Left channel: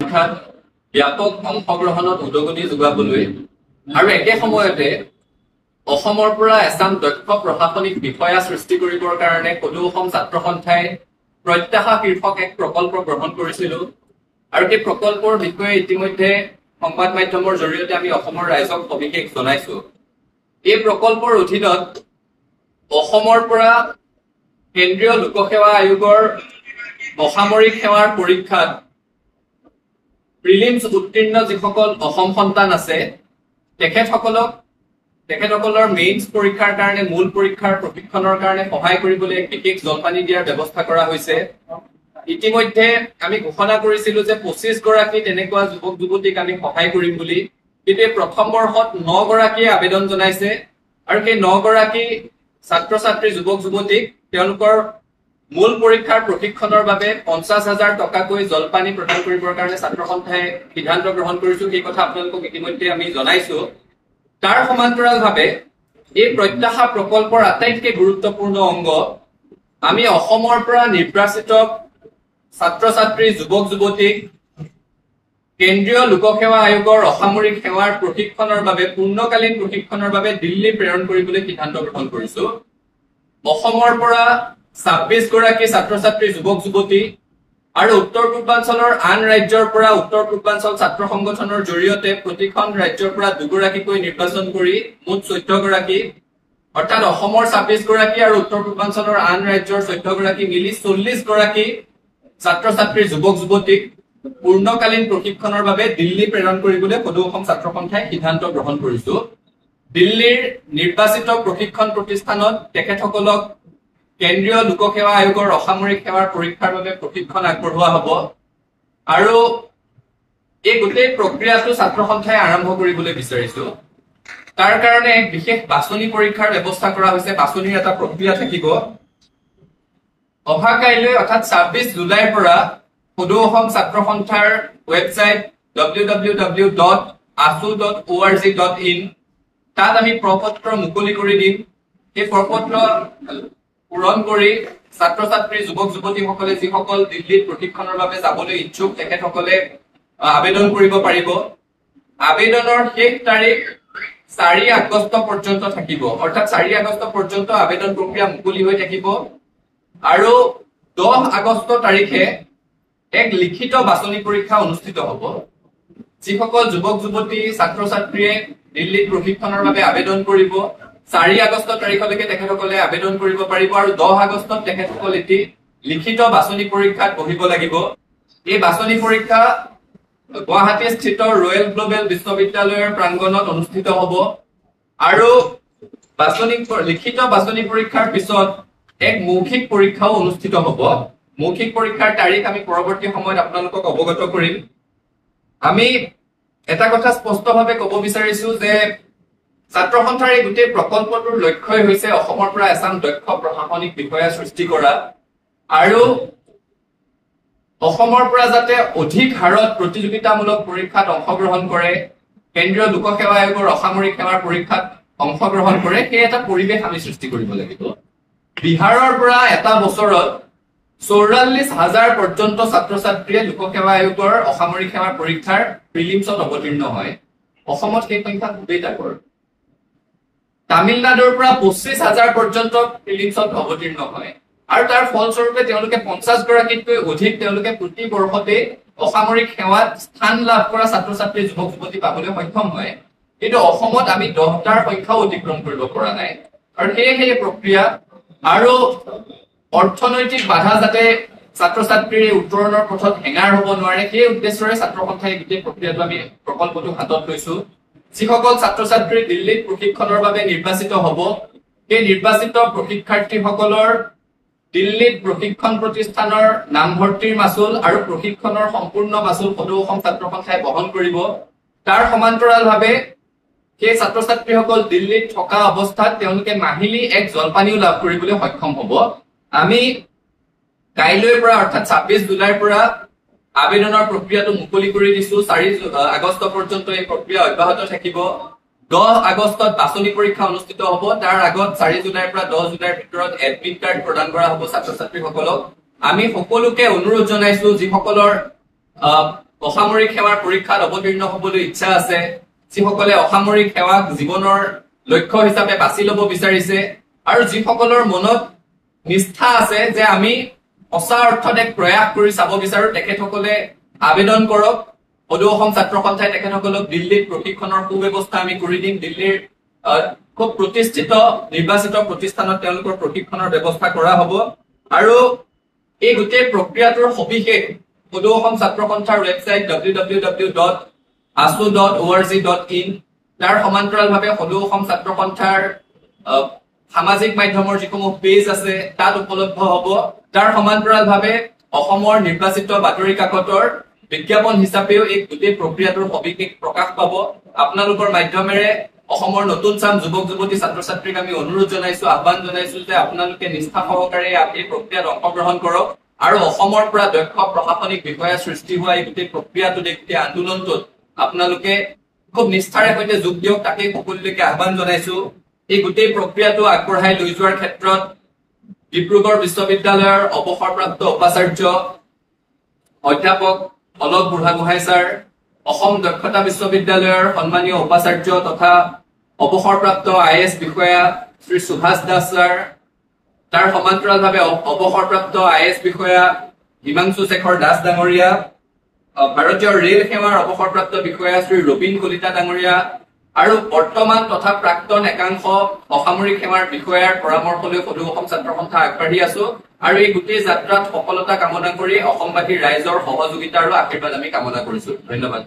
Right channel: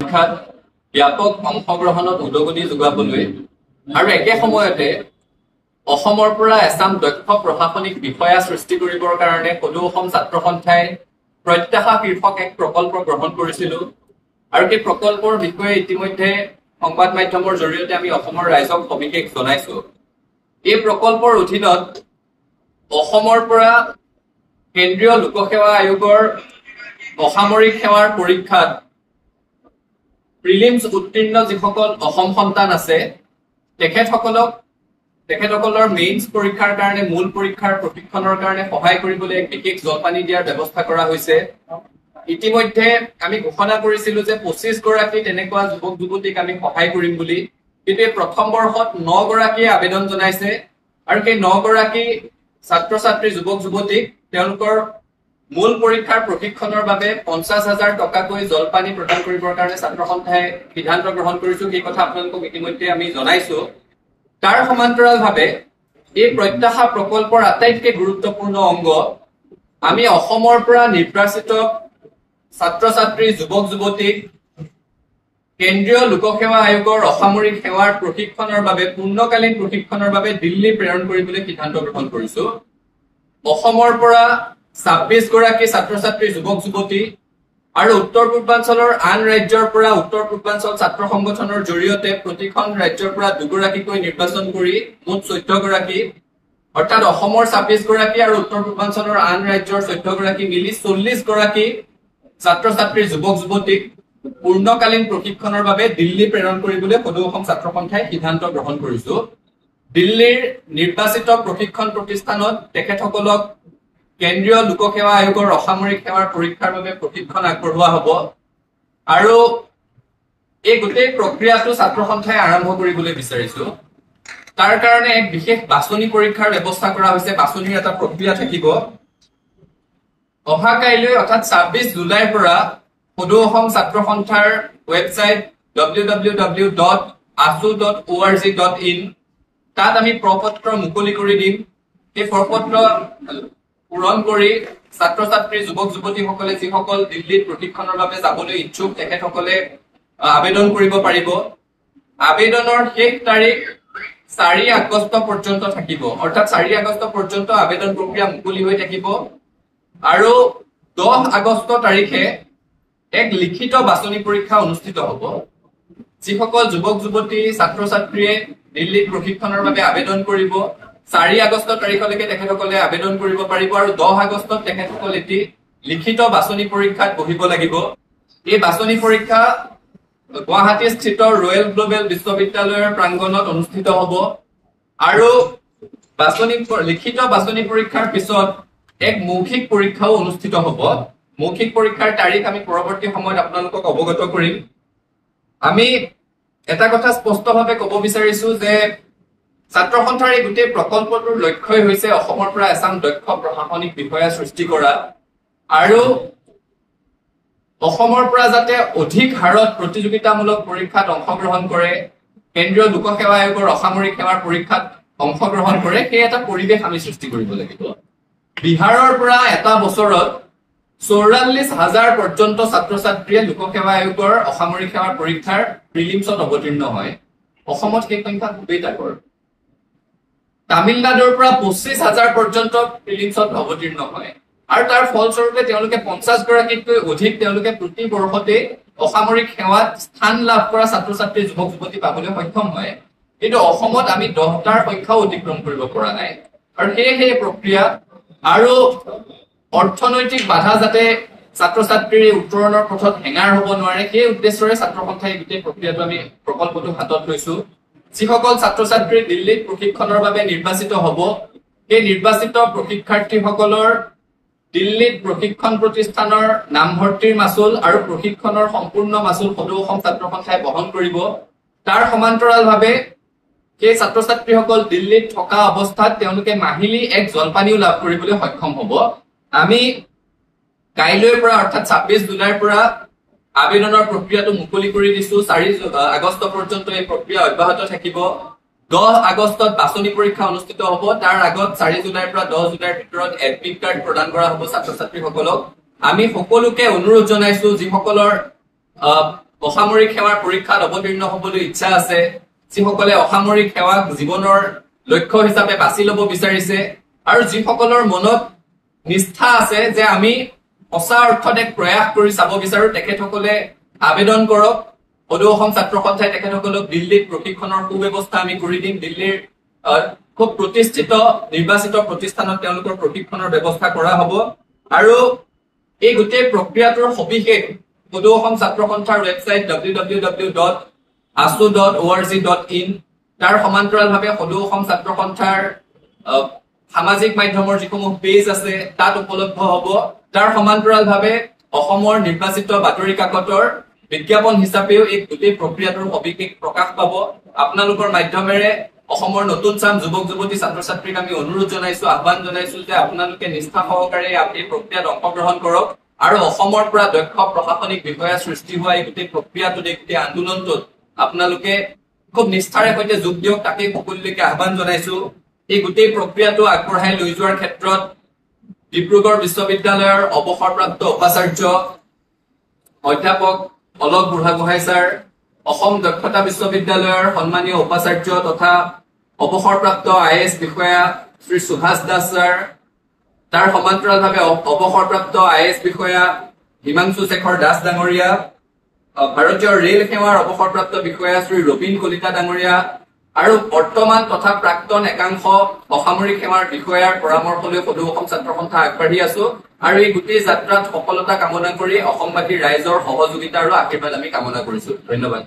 পৰীক্ষাত ব্যাপক অংশগ্ৰহণত উদগনি যোগাবলৈ আৰু একে সময়তে অসমৰ পৰা এছাম দক্ষ প্ৰশাসনিক বিষয়া সৃষ্টি কৰিবৰ কাৰণে সদৌ অসম ছাত্ৰ সন্থাই প্ৰত্যাশা শীৰ্ষক এক প্ৰকল্প গ্ৰহণ কৰিছিল আৰু এই প্ৰকল্পৰ বিষয়ে ইতিমধ্যে সংবাদ মাধ্যমৰ জৰিয়তে আমি অসমৰ ৰাইজক সবিশেষ জনাইছো। এই প্ৰকল্পৰ অধীনত অসমৰ পৰা কেন্দ্ৰীয় লোকসেৱা আয়োগৰ অসামৰিক সেৱাৰ পৰীক্ষাত প্ৰিলিমছ উত্তীৰ্ণ যিসকল অসম সন্তান আছে তেখেতসকলৰ মেইনছ পৰীক্ষাৰ কাৰণে মূল পৰীক্ষাৰ প্ৰশিক্ষণৰ কাৰণে সহায় কৰিবলৈ এক বিশেষ জলপানি দিয়াৰ ব্যৱস্থা কৰা হৈছে। ইতিমধ্যে আমি ঘোষণা কৰিছিলো যে 25 গৰাকী তেনেকুৱা যুৱক যুৱতীক আমি সহায় কৰিম বুলি, কিন্তু প্ৰথম বৰ্ষত 9 গৰাকীয়ে আবেদন জনাইছে আৰু সেই 9 গৰাকী ছাত্ৰ ছাত্ৰী যুৱক যুৱতীক তেওঁলোকৰ মূল পৰীক্ষাৰ প্ৰশিক্ষণৰ বাবে 50,000 টকাকৈ জলপানি প্ৰদান কৰিবৰ কাৰণে ছাত্ৰ সন্থাই সিদ্ধান্ত গ্ৰহণ কৰিছো। সেই কথা আপোনালোকক ইতিমধ্যে আমি জনাইছো। তাৰ সমান্তৰালভাৱে এই প্ৰত্যাশা প্ৰকল্পৰ আটাইতকৈ গুৰুত্বপূৰ্ণ অংগ আমি অসমৰ পৰা নিৰ্বাচিত ছাত্ৰ ছাত্ৰী যুৱক যুৱতীক কেন্দ্ৰীয় লোকসেৱা আয়োগৰ অসামৰিক সেৱাৰ প্ৰশিক্ষণৰ বাবে পূৰ্ণকালীন প্ৰশিক্ষণৰ বাবে দিল্লী প্ৰেৰণ কৰিবলৈ সিদ্ধান্ত গ্ৰহণ কৰিছো। অসমৰ পৰা 26 গৰাকী ছাত্ৰ ছাত্ৰী যুৱক যুৱতী আৰু উত্তৰ পূৰ্বাঞ্চলৰ আন ৰাজ্যৰ পৰা উত্তৰ পূৰ্বাঞ্চল ছাত্ৰ সংগঠনৰ জৰিয়তে প্ৰতিখন ৰাজ্যৰ পৰা 2 গৰাকীকৈ নিৰ্বাচন কৰি মুঠ 14 গৰাকী, অৰ্থাৎ অসমৰ 26 গৰাকী আৰু উত্তৰ পূৰ্বাঞ্চলৰ আন ৰাজ্যৰ 14 গৰাকী মিলি 40 গৰাকী ছাত্ৰ ছাত্ৰী যুৱক যুৱতীক পূৰ্ণকালীন প্ৰশিক্ষণৰ বাবে দিল্লী প্ৰেৰণ কৰিবলৈ সদৌ অসম ছাত্ৰ সন্থাই সিদ্ধান্ত গ্ৰহণ কৰিছো। দিল্লীৰ নিৰ্বাচিত প্ৰশিক্ষণ প্ৰতিষ্ঠানত তেখেতসকলক কেন্দ্ৰীয় লোকসেৱা আয়োগৰ অসামৰিক সেৱাৰ পৰীক্ষাৰ বাবে প্ৰশিক্ষণ আগবঢ়োৱা হ'ব আৰু এই গোটেই প্ৰক্ৰিয়াটো ছাত্ৰ সন্থাই আৰম্ভ কৰিবলৈ বিচাৰিছো। তাৰ কাৰণে এক বিশেষ বাছনি পৰীক্ষাৰ ব্যৱস্থা কৰা হৈছে। বাছনিৰ এটা প্ৰক্ৰিয়া থাকিব। অহা কাইলৈ অৰ্থাৎ 26 জুলাইৰ পৰা সদৌ অসম ছাত্ৰ সন্থাৰ ৱেবছাইট www.asu.org.in তাত আমি প্ৰপত্ৰ মুকলি কৰি দিম। এই প্ৰপত্ৰ পূৰণ কৰি ছাত্ৰ ছাত্ৰী যুৱক যুৱতীসকলে যিসকল দিল্লীত প্ৰশিক্ষণৰ বাবে যাবলৈ ইচ্ছুক তেখেতসকলে আবেদন কৰিব পাৰিব। আবেদনৰ শেষ তাৰিখ 4 আগষ্ট পৰ্যন্ত থাকিব, অৰ্থাৎ 4 আগষ্ট পৰ্যন্ত আবেদন প্ৰক্ৰিয়া মুকলি হৈ থাকিব আৰু 10 আগষ্ট তাৰিখে এক লিখিত বাছনি পৰীক্ষা অনুষ্ঠিত হ'ব। যিসকল যুৱক যুৱতী ছাত্ৰ ছাত্ৰীয়ে দিল্লীত প্ৰশিক্ষণৰ বাবে আবেদন কৰিব 4 আগষ্ট তাৰিখলৈকে তেখেতসকলে আবেদন কৰিব পাৰিব আৰু 10 আগষ্টত তেখেতসকল এটি লিখিত বাছনি পৰীক্ষাত বহিব লাগিব। এই বাছনি পৰীক্ষা গুৱাহাটীস্থিত ৰয়েল গ্লোবেল বিশ্ববিদ্যালয়ৰ প্ৰাংগণত অনুষ্ঠিত হ'ব আৰু লিখিত বাছনি পৰীক্ষাৰ পিছত এক মৌখিক পৰীক্ষাও অনুষ্ঠিত হ'ব। মৌখিক পৰীক্ষাৰ তাৰিখ আমি পৰৱৰ্তী সময়ত আপোনালোকক অৱগত কৰিম। আমি এটা কথা স্পষ্টভাৱে ক'ব বিচাৰিছো যে ছাত্ৰ সন্থাৰ এই গোটেই প্ৰকল্পটোৰ লক্ষ্যই হৈছে অসমৰ পৰা এছাম দক্ষ প্ৰশাসনিক বিষয়া সৃষ্টি কৰা আৰু অসমৰ পৰা যাতে অধিক হাৰত প্ৰতিযোগিতামূলক পৰীক্ষাত অংশগ্ৰহণ কৰে, কেন্দ্ৰীয় লোকসেৱা আয়োগৰ অসামৰিক সেৱাৰ পৰীক্ষাত অংশগ্ৰহণ কৰে, সেই এটা পৰিৱেশ আমি সৃষ্টি কৰিব লাগিব। বিহাৰৰ পৰা এটা বছৰত 44,000 পৰ্যন্ত ছাত্ৰ ছাত্ৰীয়ে লোকসেৱা আয়োগৰ অসামৰিক সেৱাৰ পৰীক্ষাৰ প্ৰিলিমছত অৱতীৰ্ণ হয়। অসমত সেই সংখ্যা খুবেই তাকৰ। তামিলনাডুৰ পৰা 25,000 পৰ্যন্ত প্ৰিলিমছত অৱতীৰ্ণ হয় আৰু তাৰ ফলস্বৰূপে তেওঁলোকে 50 গৰাকীতকৈ অধিক তেওঁলোকে প্ৰতি বৰ্ষতে অসামৰিক সেৱাত স্থান লাভ কৰা ছাত্ৰ ছাত্ৰী যুৱক যুৱতী পাবলৈ সক্ষম হয়। কিন্তু অসমত আমি 10টাৰ সংখ্যাও অতিক্ৰম কৰিব পৰা নাই আৰু সেই প্ৰক্ৰিয়া আৰু অৰ্থনৈতিক বাধা যাতে ছাত্ৰ ছাত্ৰীৰ উত্তৰণৰ পথত হেঙাৰ হ'ব নোৱাৰে সেই উদ্দেশ্যৰে ছাত্ৰ সন্থাই গোটেই প্ৰক্ৰিয়াটো আমি প্ৰকল্পটো হাতত লৈছো। যিসকল ছাত্ৰ ছাত্ৰী দিল্লীত প্ৰশিক্ষণৰ বাবে নিৰ্বাচিত হ'ব সেই নিৰ্বাচিত প্ৰশিক্ষাৰ্থীসকলৰ দিল্লীত প্ৰশিক্ষণ প্ৰতিষ্ঠানৰ নামভৰ্তিৰ মাচুল আৰু প্ৰশিক্ষণৰ সম্পূৰ্ণ মাচুল সদৌ অসম ছাত্ৰ সন্থাই বহন কৰিব। তাৰ সমান্তৰালভাৱে সেই ছাত্ৰ ছাত্ৰীসকল দিল্লীত থকা অৱস্থাত তেওঁলোকে মাহিলী এক জলপানিও লাভ কৰিবলৈ সক্ষম হ'ব। আমি কাইলৈৰ পৰা অৰ্থাৎ 26 জুলাইৰ পৰা আবেদনৰ প্ৰক্ৰিয়াটো মুকলি কৰি দিছো। 4 আগষ্ট পৰ্যন্ত এই প্ৰক্ৰিয়া অব্যাহত থাকিব। 10 আগষ্টত বাছনি পৰীক্ষা অনুষ্ঠিত হ'ব। তাৰ আগত 4 জুলাইৰ পৰা 10 জুলাইৰ ভিতৰত এডমিট কাৰ্ড প্ৰদান কৰা হ'ব ছাত্ৰ ছাত্ৰীসকলক। আমি সকলোকে অনুৰোধ জনাইছো যিসকলৰ অসামৰিক সেৱাৰ পৰীক্ষাত অৱতীৰ্ণ হ'বলৈ ইচ্ছা আছে, যিসকলে অসামৰিক সেৱাক জীৱনৰ লক্ষ্য হিচাপে বাছি ল'ব বিচাৰিছে, আৰু যিসকলৰ মনত নিষ্ঠা আছে যে আমি সঁচা অৰ্থত এক প্ৰয়াস কৰি চাব বিচাৰো, তেখেতসকলে আবেদন কৰক। সদৌ অসম ছাত্ৰ সন্থাই তেখেতসকলক দিল্লীত প্ৰশিক্ষণৰ সুব্যৱস্থা আমি কৰি দিম। দিল্লীৰ খুব প্ৰতিষ্ঠিত নিৰ্বাচিত প্ৰতিষ্ঠানত তেওঁলোকৰ প্ৰশিক্ষণৰ ব্যৱস্থা কৰা হ'ব। আৰু এই গোটেই প্ৰক্ৰিয়াটোৰ সবিশেষ সদৌ অসম ছাত্ৰ সন্থাৰ ৱেবছাইট www.aso.org.in তাৰ সমান্তৰালভাৱে সদৌ অসম ছাত্ৰ সন্থাৰ সামাজিক মাধ্যমৰ যিসমূহ পেজ আছে তাত উপলব্ধ হ'ব। তাৰ সমান্তৰালভাৱে অসমৰ নিৰ্বাচিত বাতৰি কাকতৰ বিজ্ঞাপন হিচাপেও এই গোটেই প্ৰক্ৰিয়াটোৰ সবিশেষ প্ৰকাশ পাব। আপোনালোকৰ মাধ্যমেৰে অসমৰ নতুন চাম যুৱক যুৱতী ছাত্ৰ ছাত্ৰীক আমি অনুৰোধ জনাইছো, আহ্বান জনাইছো যে আপোনালোকে নিষ্ঠা সহকাৰে এই প্ৰক্ৰিয়াত অংশগ্ৰহণ কৰক আৰু অসমৰ পৰা দক্ষ প্ৰশাসনিক বিষয়া সৃষ্টি হোৱা এই গোটেই প্ৰক্ৰিয়াটোত, এই গোটেই আন্দোলনটোত আপোনালোকে খুব নিষ্ঠাৰে সৈতে যোগ দিয়ক, তাকেই সকলোলৈকে আহ্বান জনাইছো। এই গোটেই প্ৰক্ৰিয়াটো আগবঢ়াই লৈ যোৱাৰ ক্ষেত্ৰত ডিব্ৰুগড় বিশ্ববিদ্যালয়ৰ অৱসৰপ্ৰাপ্ত উপাচাৰ্য অধ্যাপক অলক বুঢ়াগোহাঁই ছাৰ, অসম দক্ষতা বিশ্ববিদ্যালয়ৰ সন্মানীয় উপাচাৰ্য তথা অৱসৰপ্ৰাপ্ত IAS বিষয়া শ্ৰী সুভাষ দাস ছাৰ, তাৰ সমান্তৰালভাৱে অৱসৰপ্ৰাপ্ত IAS বিষয়া হিমাংশু শেখৰ দাস ডাঙৰীয়া, ভাৰতীয় ৰেল সেৱাৰ অৱসৰপ্ৰাপ্ত বিষয়া শ্ৰী ৰবীন কলিতা ডাঙৰীয়া আৰু বৰ্তমান তথা প্ৰাক্তন একাংশ অসামৰিক সেৱাৰ বিষয়াৰ পৰামৰ্শ লৈ সদৌ অসম ছাত্ৰ সন্থা আগবাঢ়ি আছো। আৰু এই গোটেই যাত্ৰাত সফলতা কামনা কৰি অসমবাসী ৰাইজৰ সহযোগিতা আৰু আশীৰ্বাদ আমি কামনা কৰিছো। ধন্যবাদ।